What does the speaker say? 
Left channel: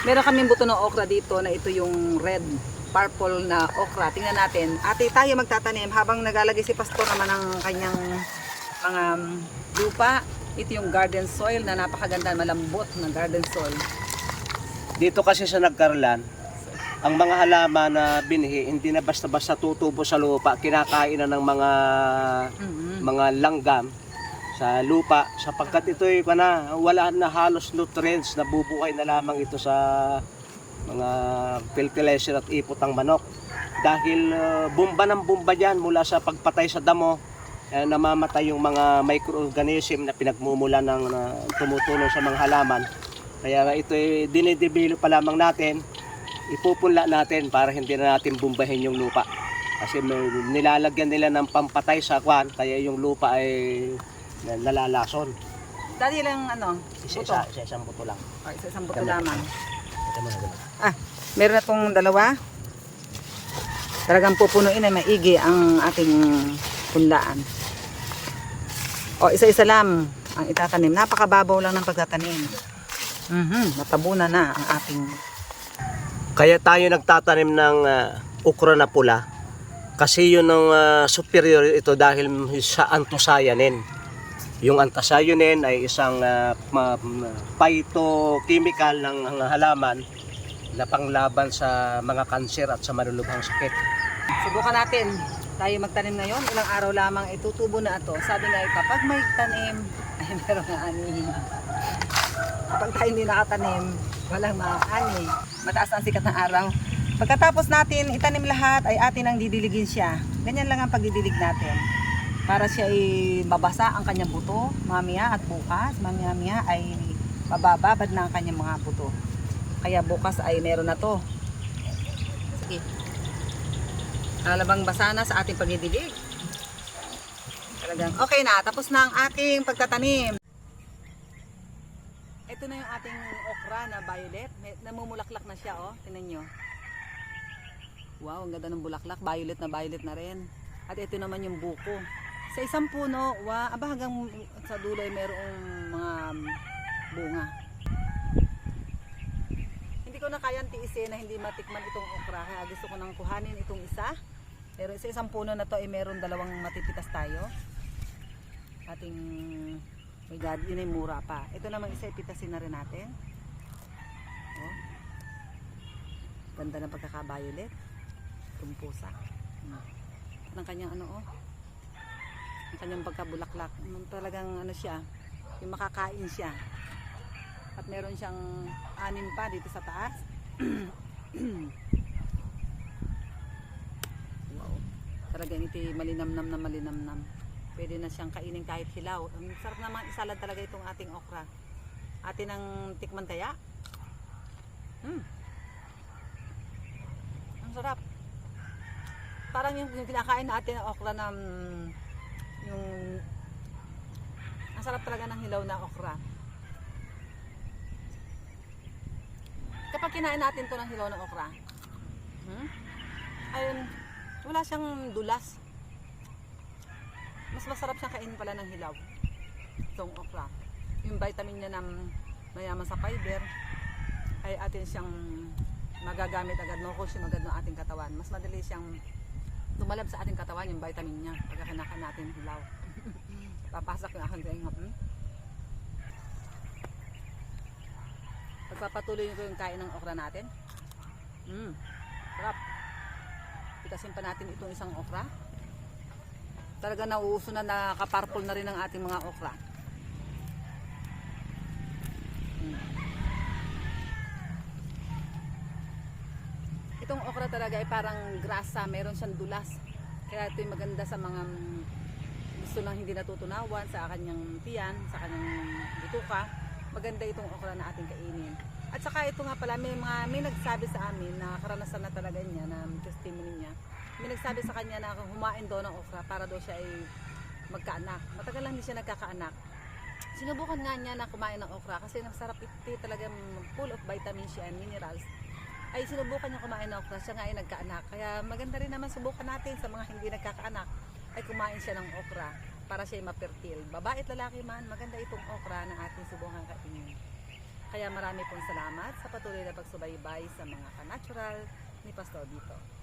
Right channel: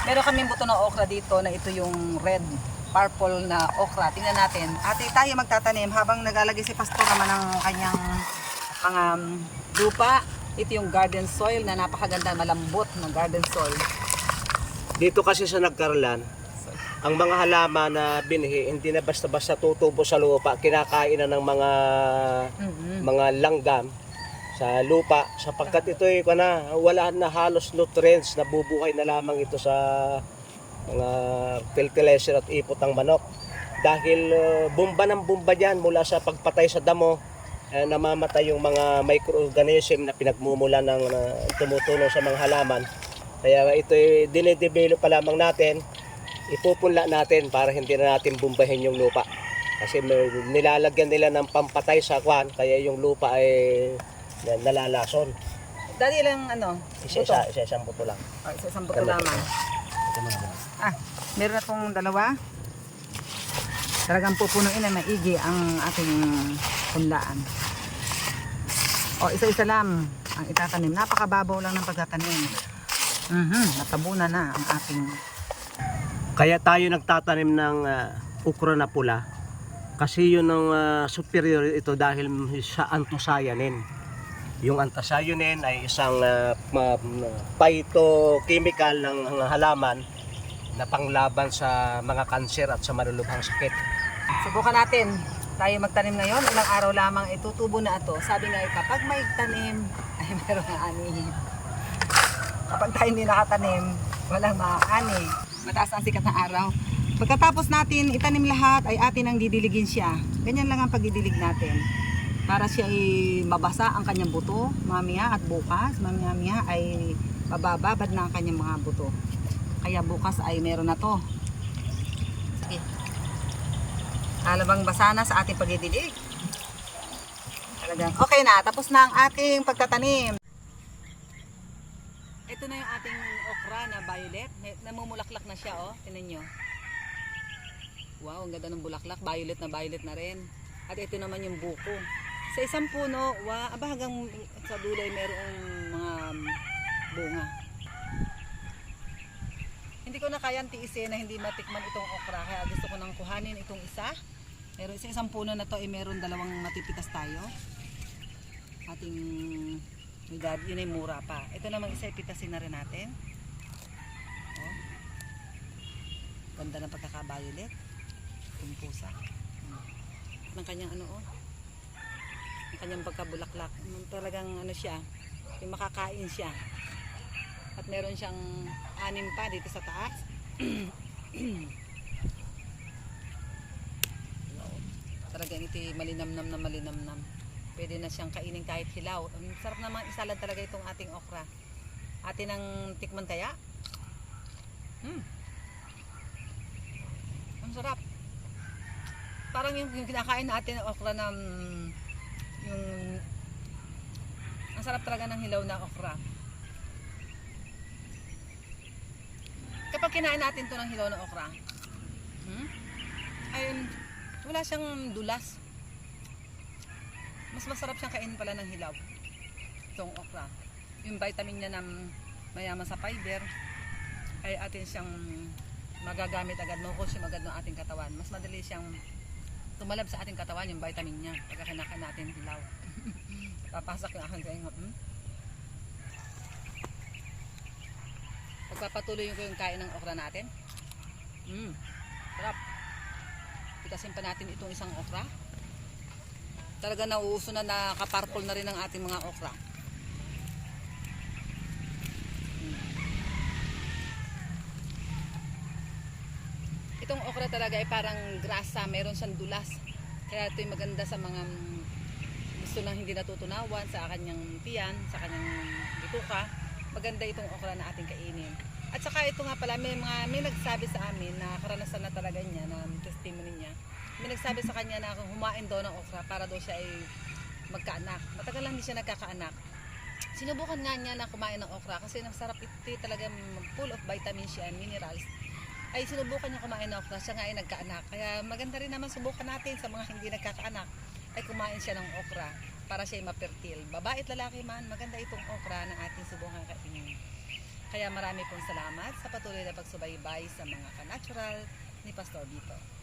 Meron kaming buto ng okra dito na ito yung red, purple na okra. Tingnan natin. Ate, tayo magtatanim habang naglalagay si Pastor naman ng kanyang mga um, lupa. Ito yung garden soil na napakaganda, malambot na garden soil. Dito kasi sa Nagkarlan, ang mga halaman na binhi, hindi na basta-basta tutubo sa lupa, kinakain na ng mga Mhm. mga langgam sa lupa. Sapagkat ito ay na wala na halos nutrients. Na bubuhay na lamang ito sa mga fertilizer at ipot ng manok. Dahil uh, bomba ng bomba diyan mula sa pagpatay sa damo eh, namamatay yung mga microorganism na pinagmumula ng uh, tumutulong sa mga halaman. Kaya ito ay dinedevelop pa lamang natin. Ipupunla natin para hindi na natin bombahin yung lupa. Kasi nilalagyan nila ng pampatay sa kwan kaya yung lupa ay na- nalalason Dali lang ano, isa-isa isa-isang buto lang Ay, sa isang buto Tama. lamang. ito mo na Ah, meron akong dalawa. Talagang pupunuin na maigi ang ating pinlaan. O, isa-isa lang ang itatanim. Napakababaw lang ng pagtatanim. Mhm, natabunan na ang ating Kaya tayo nagtatanim ng ah, ukra na pula. Kasi yun ang ah, superior ito dahil sa anthocyanin. Yung anthocyanin ay isang uh, phytochemical ng halaman na panglaban sa mga kanser at sa malulubhang sakit. Subukan natin. Tayo magtanim ngayon. Ilang araw lamang itutubo na ito. Sabi nga ipa, pag may tanim, ay meron nga ani. Kapag tayo hindi nakatanim, walang maani. Mataas ang sikat ng araw. Pagkatapos natin itanim lahat, ay atin ang didiligin siya. Ganyan lang ang pagdidilig natin. Para siya ay mabasa ang kanyang buto, mamaya at bukas, mamaya ay mabababad na ang kanyang mga buto. Kaya bukas ay meron na to. Sige. Halabang basa na sa ating pagdidilig. Talagang okay na, tapos na ang ating pagtatanim. Ito na yung ating okra na violet. Namumulaklak na siya, oh. Tingnan nyo. Wow, ang ganda ng bulaklak. Violet na violet na rin. At ito naman yung buko. Sa isang puno, wa, aba hanggang sa dulo ay merong mga bunga. Hindi ko na kayang tiisin na hindi matikman itong okra. Kaya gusto ko nang kuhanin itong isa. Pero sa isang puno na to ay meron dalawang matipitas tayo. Ating regard, yun ay mura pa. Ito naman isa ipitasin na rin natin. Oh. Ganda ng pagkaka-violet. Itong pusa. Hmm. Ng kanyang ano oh. Ang kanyang pagkabulaklak. Talagang ano siya. Yung makakain siya. At meron siyang anim pa dito sa taas. Talagang ito malinamnam na malinamnam. Pwede na siyang kainin kahit hilaw. Ang sarap naman isalad talaga itong ating okra. Atin ang tikman kaya? Hmm. Ang sarap. Parang yung, yung kinakain natin ng okra na mm, yung ang sarap talaga ng hilaw na okra. Kapag kinain natin to ng hilaw na okra, hmm? ayun, wala siyang dulas. Mas masarap siyang kainin pala ng hilaw. Itong okra. Yung vitamin niya na mayaman sa fiber, ay atin siyang magagamit agad, makukonsume agad ng ating katawan. Mas madali siyang lumalab sa ating katawan yung vitamin niya pagka kinakain natin hilaw. Papasok yung aking kain. Hmm? Pagpapatuloy ko yung kain ng okra natin. Mm, sarap. Pitasin pa natin itong isang okra. Talaga nauuso na nakaparpol na rin ang ating mga okra. Mm. Okra talaga ay parang grasa, meron siyang dulas. Kaya ito maganda sa mga gusto lang hindi natutunawan sa kanyang tiyan, sa kanyang bituka maganda itong okra na ating kainin. At saka ito nga pala, may, mga, may nagsabi sa amin na karanasan na talaga niya, na testimony niya. May nagsabi sa kanya na humain daw ng okra para daw siya ay magkaanak. Matagal lang hindi siya nagkakaanak. Sinubukan nga niya na kumain ng okra kasi masarap ito talaga full of vitamins siya and minerals. Ay sinubukan niya kumain ng okra, siya nga ay nagkaanak. Kaya maganda rin naman subukan natin sa mga hindi nagkakaanak ay kumain siya ng okra para siya ay mapertil. Babae at lalaki man, maganda itong okra na ating subukan kainin. Kaya marami pong salamat sa patuloy na pagsubaybay sa mga kanatural ni Pastor Vito.